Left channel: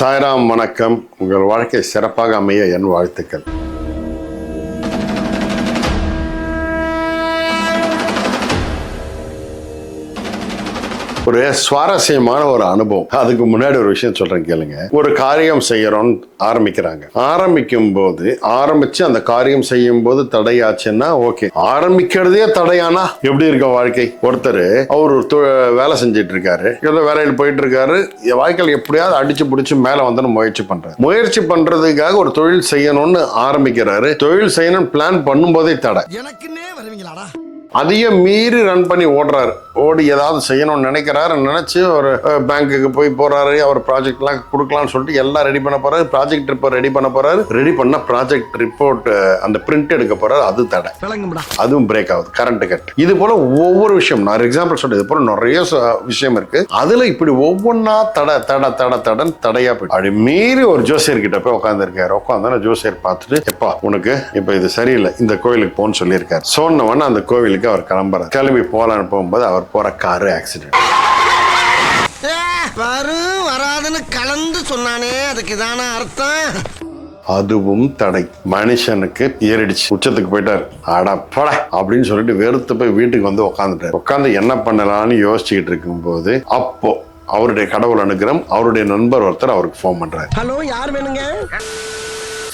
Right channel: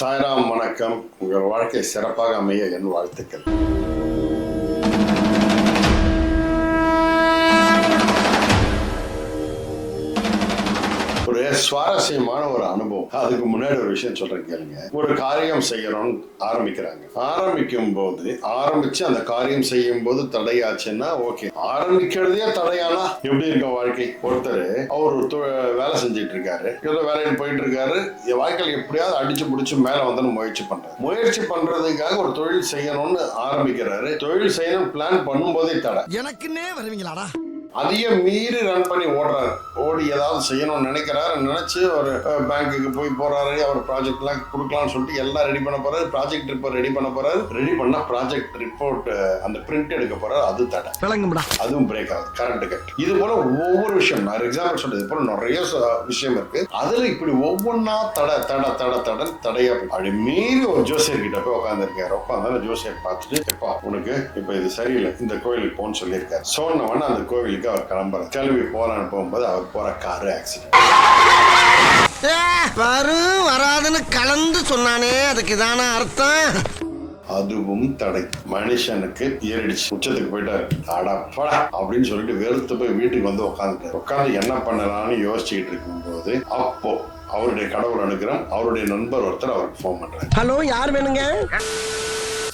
சாய்ராம் வணக்கம். உங்கள் வாழ்க்கை சிறப்பாக அமைய என் வாழ்த்துக்கள். ஒரு சுவாரஸ்யமான ஒரு அனுபவம். அதுக்கு முன்னாடி ஒரு விஷயம் சொல்றேன் கேளுங்க. ஒரு காரியம் செய்யறோம் ஆரம்பிக்கிறாங்க. ஆரம்பிக்கும் போது ஆரம்பிச்சு அந்த காரியம் செய்யும் போது தடையாச்சுன்னா ஓகே. ஆரம்பிக்கிறதே தடையானா? எப்படி இருக்க வாழ்க்கை? ஒருத்தர் அவர் தொ- வேலை செஞ்சுட்டு இருக்காரு ஏதோ வேலையில் போயிட்டு இருக்காரு வாழ்க்கையில் எப்படியாவது அடிச்சு பிடிச்சி மேல வந்து முயற்சி பண்றாரு. முயற்சி பண்றதுக்காக ஒரு தொழில் செய்யணும்னு ஆரம்பிக்கிறாரு. தொழில் செய்யணும்னு பிளான் பண்ணும்போதே தடை. எனக்குன்னே வருவீங்களாடா? அதையும் மீறி ரன் பண்ணி ஓடுறாரு. ஓடி ஏதாவது செய்யணும்னு நினைக்கிறாரு. நினைச்சு ஒரு பேங்க்குக்கு போய் போறாரு. அவர் ப்ராஜெக்ட்லாம் கொடுக்கலாம்னு சொல்லிட்டு எல்லாம் ரெடி பண்ண போறாரு. ப்ராஜெக்ட் ரிப்போர்ட் ரெடி பண்ண போறாரு. ரெடி பண்ண ப்ராஜெக்ட் ரிப்போர்ட் அந்த பிரிண்ட் எடுக்க போறாரு. அது தடை. அதுவும் பிரேக் ஆகுது. கரண்ட் கட் இது போல ஒவ்வொரு விஷயம் நான் எக்ஸாம்பிள் சொல்றது இது போல நிறைய விஷயம் இருக்கு. அதுல இப்படி ஒவ்வொன்றா தடை தடை தடை தடன் தடையா போயிடும் அப்படி மீறி ஒரு ஜோசியர் கிட்ட போய் உட்காந்துருக்காரு உட்காந்து ஜோசியர் பார்த்துட்டு எப்பா உனக்கு இப்ப இது சரியில்லை. இந்த கோயிலுக்கு போன்னு சொல்லியிருக்காரு. சொன்னவன அந்த கோவிலுக்கு அவர் கிளம்புறாரு கிளம்பி போலான்னு போகும்போது அவர் போற காரு ஆக்சிடென்ட் வரும் வராதுன்னு கலந்து சொன்னானே. அதுக்கு தானே அர்த்தம். அதுவும் தடை. மனுஷனுக்கு ஏறிடுச்சு. உச்சத்துக்கு போயிட்டார். அடா போட அப்படின்னு சொல்லிட்டு வெறுத்து போய் வீட்டுக்கு வந்து உட்காந்துட்டார் உட்காந்து என்ன பண்ணலாம்னு யோசிச்சுக்கிட்டு இருக்கும்போது அப்போ அவருடைய கடவுள் அனுகிரம் அவருடைய நண்பர் ஒருத்தர் அவருக்கு ஃபோன் பண்றாரு. ஹலோ யார் வேணுங்க?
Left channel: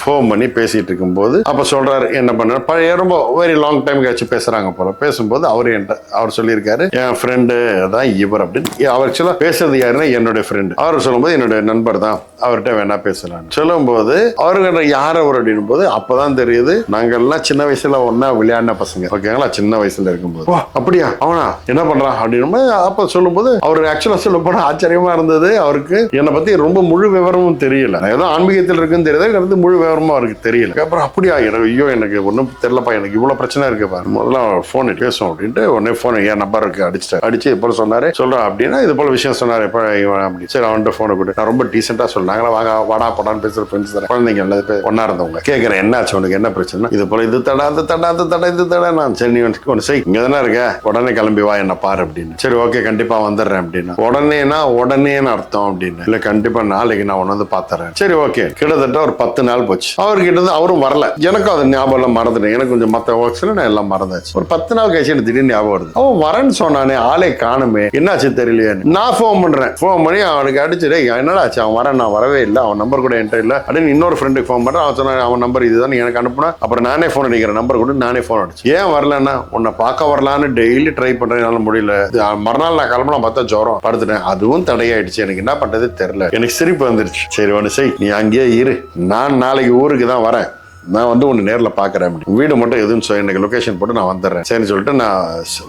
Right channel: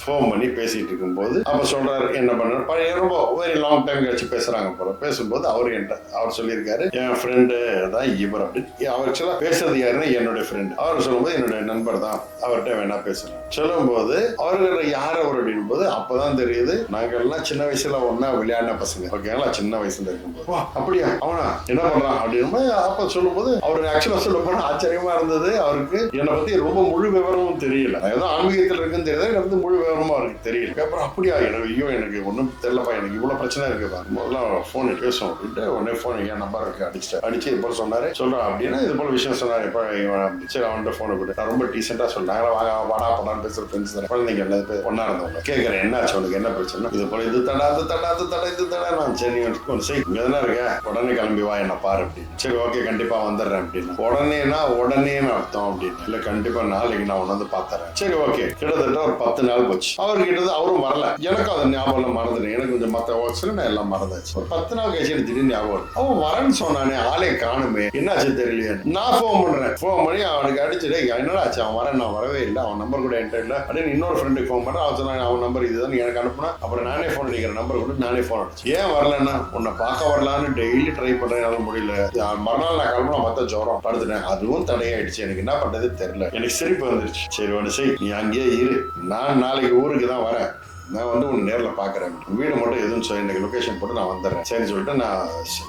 ஃபோன் பண்ணி பேசிட்டு இருக்கும்போது அப்ப சொல்றாரு என்ன பண்ற? பழைய ரொம்ப வெரி லாங் டைம் கழிச்சு பேசுறாங்க போல. பேசும்போது அவர் என்கிட்ட அவர் சொல்லியிருக்காரு என் ஃப்ரெண்டு தான் இவர் அப்படின்னு. அவர் ஆக்சுவலா பேசுறது யாருன்னா என்னுடைய ஃப்ரெண்டு அவர் சொல்லும்போது என்னுடைய நண்பர் தான் அவர்கிட்ட வேணா பேசலாம் சொல்லும்போது அவர்கிட்ட யார் அவர் அப்படின்னும் போது அப்பதான் தெரியுது நாங்கெல்லாம் சின்ன வயசுல ஒண்ணா விளையாடின பசங்க. ஓகேங்களா? சின்ன வயசுல இருக்கும்போது. "ஓ, அப்படியா? அவனா? என்ன பண்றான் அப்படின்னு அப்ப சொல்லும்போது அவர் ஆக்சுவலா சொல்ல போனா ஆச்சரியமா இருந்தது. அவருக்கு என்னை பத்தி ரொம்ப முழு விவரமும் தெரியல. ஏதோ ஆன்மீகத்தில் இருக்குன்னு தெரியுது முழு விவரமா அவருக்கு தெரியல. அப்புறம் அப்படியா எனக்கு ஐயோ எனக்கு ஒன்றும் தெரியலப்பா எனக்கு இவ்வளவு பிரச்சனை இருக்கு பாரு. முதல்ல ஃபோன் பேசும் அப்படின்ட்டு உடனே ஃபோன் என் நம்பர் இருக்கு அடிச்சிட்டாரு அடிச்சு இது போல சொன்னாரு? சொல்றேன் அப்படின்னா இது போல விஷயம் சொன்னாரு. எப்ப இவன் அப்படி. சரி அவன்கிட்ட ஃபோனை கொடு. நான் ரொம்ப டீசெண்டா சொன்னாங்களா வாங்க வாடா போடான்னு பேசுற ஃப்ரெண்ட்ஸ் தானே. குழந்தைங்க எல்லா பேர் ஒன்னா இருந்தவங்க. கேட்கறேன் என்னாச்சு உனக்கு என்ன பிரச்சனை? இது போல இது தடா அது தடா அது தடா இது தடா. நான் சரி நீ வந்து ஒன்று செய். இங்க தானே இருக்க. உடனே கிளம்பி வா என்ன பாரு அப்படின்னு. சரி ஓகே கண்டிப்பா வந்துடுறேன் அப்படின்னா. உடனேனா உடனேன்னு அர்த்தம் அப்படின்னு. இல்ல கண்டிப்பா நாளைக்கு நான் உன்னை வந்து பாத்துறேன். சரி ஓகே கிட்டத்தட்ட ஒரு பத்து நாள் போச்சு. அவர்கிட்ட இருந்து அவரும் வரல. எனக்கும் அது ஞாபகம் எல்லாம் மறந்துட்டேன். எனக்கு கொஞ்சம் மத்த ஒர்க்ஸ்ல நான் எல்லாம் மறந்தாச்சு. ஒரு பத்து நாள் கழிச்சு எனக்கு திடீர்னு ஞாபகம் வருது. அவன் வரேன்னு சொன்னானே ஆளே காணுமே. என்னாச்சு தெரியலையே நான் ஃபோன் பண்றேன். ஃபோன் பண்ணி அவனுக்கு அடிச்சு என்னடா ஆச்சு? அவன் வரேன் நான் வரவே இல்லை. அவன் நம்பர் கூட என்கிட்ட இல்லை. அப்படின்னு இன்னொரு ஃப்ரெண்டுக்கு ஃபோன் பண்றேன். அவன் சொன்னான் அவன் நம்பர் இதுதான் எனக்கு அனுப்புனா. அப்புறம் நானே ஃபோன் அடிக்கிறேன். நம்பர் கூட நானே ஃபோன் அடிச்சு ஏன் வரலன்னா உன்னை பார்க்க வரலான்னு டெய்லி ட்ரை பண்றேன். என்னால முடியல. மறுநாள் நான் கிளம்புனா பார்த்தா ஜோரம். படுத்துட்டேன். அதுவும் தடையாயிடுச்சு. எனக்கு என்ன பண்றது தெரியல. எனக்கு சிரிப்பு வந்துருச்சு. சரி ஒன்று செய். நீ அங்கேயே இரு. நான் நாளைக்கு ஊருக்கு தான் வரேன். நான் வந்து ஒன்று நேரில் பார்க்குறேன் வீடு மட்டும் எதுவும் சொல்லி எனக்கு லொக்கேஷன் போட்டு நான் வந்துடுறேன். சரின்னு சொல்லிட்டு நான்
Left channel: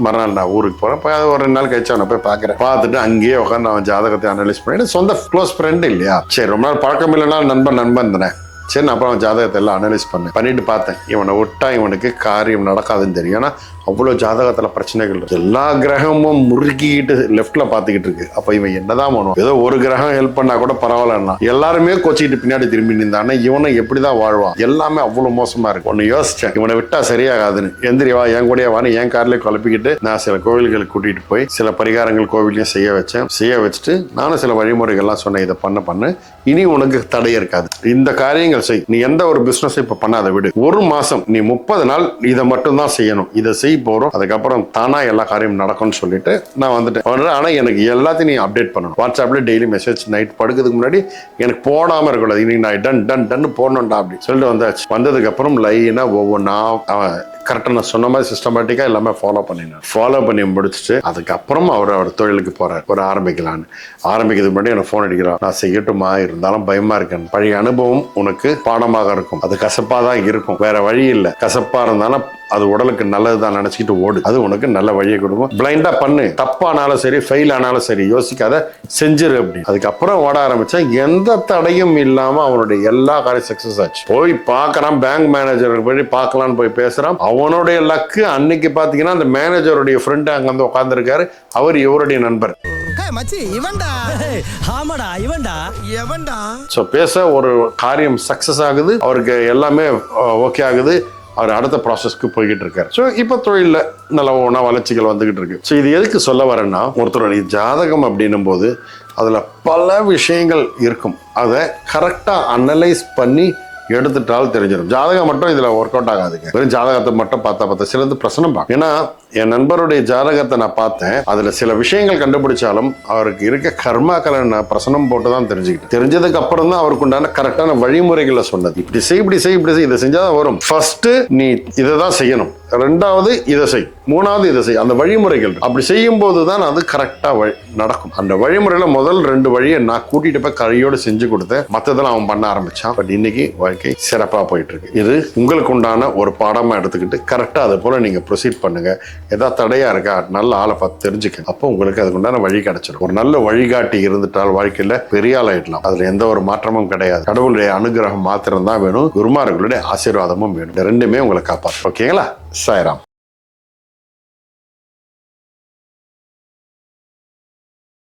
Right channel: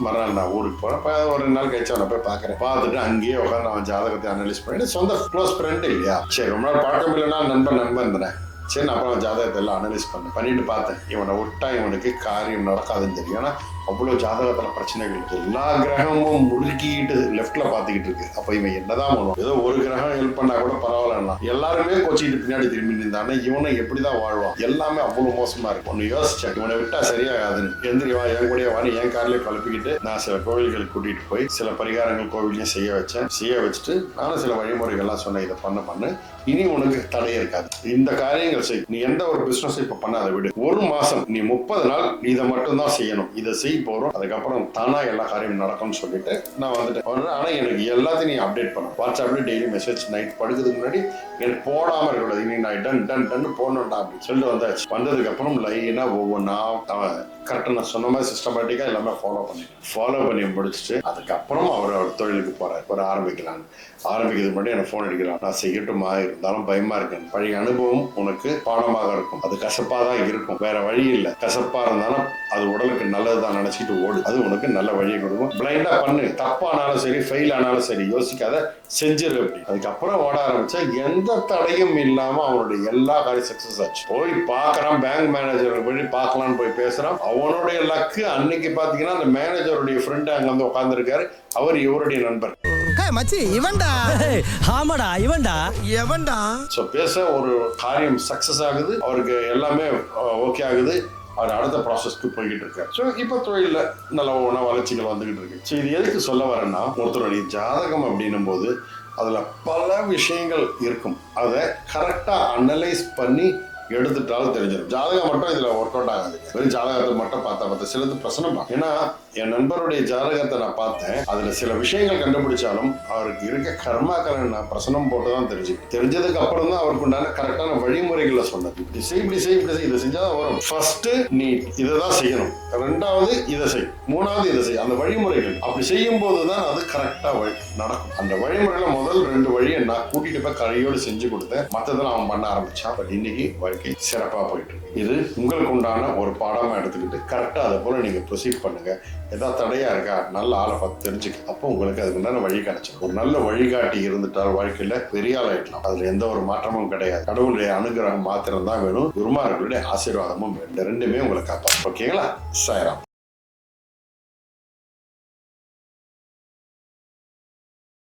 மறுநாள் நான் ஊருக்கு போகிறேன் இப்போ ஒரு ரெண்டு நாள் கழிச்சு அவனை போய் பார்க்குறேன் பார்த்துட்டு அங்கேயே உட்காந்து அவன் ஜாதகத்தை அனலைஸ் பண்ணிட்டு சொந்த க்ளோஸ் ஃப்ரெண்டு இல்லையா? சரி ரொம்ப நாள் பழக்கம் இல்லைன்னா நண்பன் நண்பன் தானே சரி நான் அப்புறம் அவன் ஜாதகத்தை எல்லாம் அனலைஸ் பண்ணேன். பண்ணிட்டு பார்த்தேன். இவனை விட்டா இவனுக்கு காரியம் நடக்காதுன்னு தெரியும். ஏன்னா அவ்வளோ ஜாதகத்தில் பிரச்சனைகள் எல்லா கிரகமும் முறுக்கிக்கிட்டு லெஃப்டில் பார்த்துக்கிட்டு இருக்கு. அப்போ இவன் என்னதான் பண்ணுவான்? ஏதோ ஒரு கிரகம் ஹெல்ப் பண்ணா கூட பரவாயில்லன்னா எல்லாருமே கொச்சிக்கிட்டு பின்னாடி திரும்பி நின்றானே இவனை எப்படிதான் வாழ்வான்? எல்லாமே அவ்வளோ மோசமாக இருக்கு. ஒன்று யோசிச்சேன். இவனை விட்டால் சரியாகாதுன்னு. எந்திரி வா என் கூடயே வான்னு என் கார்லேயே குழப்பிக்கிட்டு நான் சில கோவில்களுக்கு கூட்டிகிட்டு போய் சில பரிகாரங்கள் கோவிலையும் செய்ய வச்சேன். செய்ய வச்சுட்டு நானும் சில வழிமுறைகள்லாம் சொன்னேன். இதை பண்ண பண்ண. இனி உனக்கு தடை இருக்காது. இந்த காரியங்கள் செய். நீ எந்த ஒரு பிஸ்னஸும் இப்போ பண்ணாத விடு. ஒரு மாதம் நீ முப்பது நாள் இதை மட்டும்தான் செய்யணும். இதை செய் போறோம். அதுக்கப்புறம் தானா எல்லா காரியம் நடக்கும்னு சொல்லிட்டு நான் வந்துட்டேன். வந்துட்டேன். ஆனா எனக்கு எல்லாத்தையும் நீ அப்டேட் பண்ணணும். வாட்ஸ்அப்ல டெய்லி மெசேஜ் நைட் படுக்கிறதுக்கு முன்னாடி எனக்கு போடாம இருக்கக்கூடாது. இன்னைக்கு நான் டன் டன் டன் போடணும்டா அப்படின்னு சொல்லிட்டு வந்தாச்சு. வந்ததுக்கு அப்புறம் லைனா ஒவ்வொன்றா அவன் கரெக்டாக நான் சொன்ன மாதிரி சிஸ்டமேட்டிக்காக எல்லாமே ஃபாலோ பண்ணினேன். ஃபாலோ பண்ணி முடிச்சுட்டு அதுக்கப்புறம் அவர் அவர் தொழிலுக்கு போகிறார் ஒரு ஆரம்பிக்கலான்னு ஆரம்பிக்கிறதுக்கு முன்னாடி எனக்கு ஃபோன் அடிக்கிறார் நான் செய்யட்டுமா இருந்தாலும் பயமாக இருக்கேன். பழைய அனுபவம் உனக்கு பாடமாக இருக்கும். அது கசப்பாக தான் இருக்கும். வேற வழி இல்லை. கசப்பாக இருந்தாலும் அது உடலுக்கு நல்லது தான் நினச்சிக்கிட்டு ஓடு. அது உனக்கு நல்ல வழியை கொடுக்கும். பிளைண்டாக பண்ணு. தப்பானாலும் சரி ஃபெயில் ஆனாலும் சரி யோசிக்காத செஞ்சிரு அப்படி அதுக்கப்புறம் ஓட ஆரம்பித்தா எந்த தடையும் இல்லாமல் அவனுடைய எல்லா காரியம் சக்சஸ் ஆச்சு. போய் பார்க்குறான். பேங்க் மேனேஜர் போய் பார்க்கலான்னு போய் பேசுறான். அவனுடைய லக்கு அன்னைக்கு பாத்தீங்கன்னா அந்த மேனேஜருடைய ஃப்ரெண்டு அங்க வந்து உட்காந்துருக்காரு அவர் இவருடைய நண்பர். மச்சி இவன்டா? ஆமாடா இவன்டா. எவன்டா? ஸோ பேச ஒரு காரியம் சக்சஸ் ஆகுது. அவருக்கு எல்லாமே ஓகே ஆகுது. அவர் அடுத்த ப்ராசஸ்க்கு போய்கிட்டு இருக்காரு. ஸோ இப்போ தொழிலில் நல்ல ஒன்றா வளர்ச்சிகள் வந்துகிட்டு இருக்கு. ஸோ இது எதுக்கு சொல்ல வரேன்னா ஒருத்தருடைய ஜாதகம் அப்படின்னும் போது அதில் பல விஷயங்கள் இருக்கும். அதை கரெக்டாக அனலைஸ் பண்ணி எடுத்துட்டால் தெரிஞ்சிடும். ஜாதகம் மட்டும் இதில் ஒர்க் அவுட் ஆகாதுங்க. வெறும் ஜாதகத்தை மட்டும் பார்த்தா பார்த்தா சிலது பிரசனம் பார்க்கும் ஏன்னா என் நண்பருடைய ஜாதகத்தை நான் பார்த்தேன். அதில் சில விஷயங்கள் கண்டுபிடிச்சாலும் அவருக்கு இருக்க கர்மாக்களை நான் பிரசனம் போட்டு தான் தெரிஞ்சுக்கிட்டேன். தெரிஞ்சதுக்கு அப்புறம் தான் அவருக்கு உண்டான கரெக்டான வழிமுறைகளை சொன்னது. இப்படி செய் இப்படி செய் இப்படி செய் இதை செஞ்சால் தான் வரும். ஃபர்ஸ்ட் நீ இதை தான் செய்யணும். ரெண்டாவது இதை செய். மூணாவது இதை செய். அந்த வழிமுறைகள். அப்படி செய்யும் போது தான் அது கரெக்டாக வழி நடக்கும். அந்த வழிமுறையில முதல் ரெண்டு வழியை நான் கூட்டிட்டு போய் கரையோடு செஞ்சு கொடுத்தேன். மற்றதெல்லாம் அவன் பண்ண ஆரம்பிச்சான். பட் இன்னைக்கு வாழ்க்கை சிறப்பாக போயிட்டு இருக்கு இது உங்களுக்கு உண்டான ஒரு பாடமாக எடுத்துக்கிட்டு கரெக்டாக அதை போல நீங்கள் ப்ரொசீட் பண்ணுங்க. ஏதாவது தடையா இருக்கா? நல்ல ஆளை பார்த்து தெரிஞ்சுக்க அப்போ உங்களுக்கு அதுக்கு உண்டான வழி கிடைச்சிடும். ஒரு நல்ல வழிகாட்டி இருந்துட்டால் வாழ்க்கையில் பெரிய ஆளாயிடலாம் ஆயிடலாம். எந்த ஒரு மாற்றமும் கிடையாது. கடவுளுடைய அனுகிரகம் மாத்திரம் தான் வேணும். குருமார்களுடைய ஆசீர்வாதமும் வேணும். ரெண்டுமே உங்களை காப்பாற்றும் ஓகேங்களா? சாய்ராம்.